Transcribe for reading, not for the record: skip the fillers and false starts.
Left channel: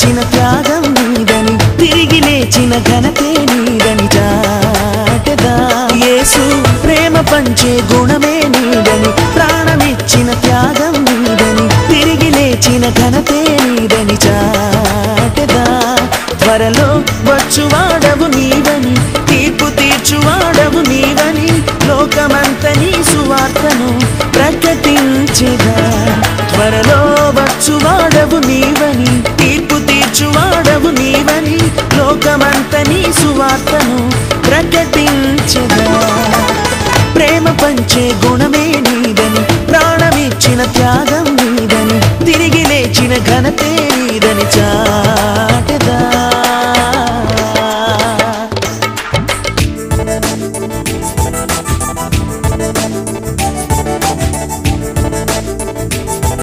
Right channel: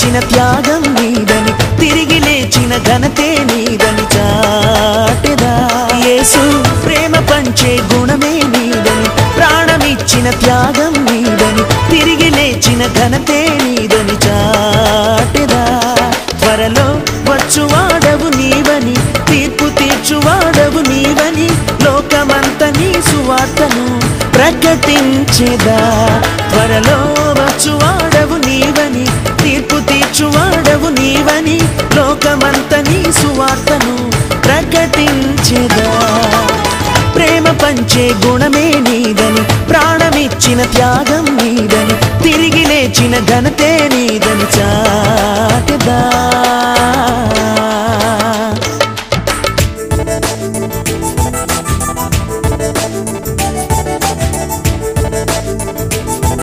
ప్రాణమిచ్చిన త్యాగం నీదని తిరిగి లేచిన ఘనతే నీదని చాటెదా యేసు ప్రేమ పంచే గుణమే నీదని ప్రాణమిచ్చిన త్యాగం నీదని తిరిగి లేచిన ఘనతే నీదని చాటెదా త్వరలో వచ్చువాడవు నీవని తీర్పు తీర్చువాడవు నీవని లోకమంతా నీ సువార్తను ప్రకటించెదా త్వరలో వచ్చువాడవు నీవని తీర్పు తీర్చువాడవు నీవని లోకమంతా నీ సువార్తను ప్రకటించెదా ప్రేమ పంచే గుణమే నీదని ప్రాణమిచ్చిన త్యాగం నీదని తిరిగి లేచిన ఘనతే నీదని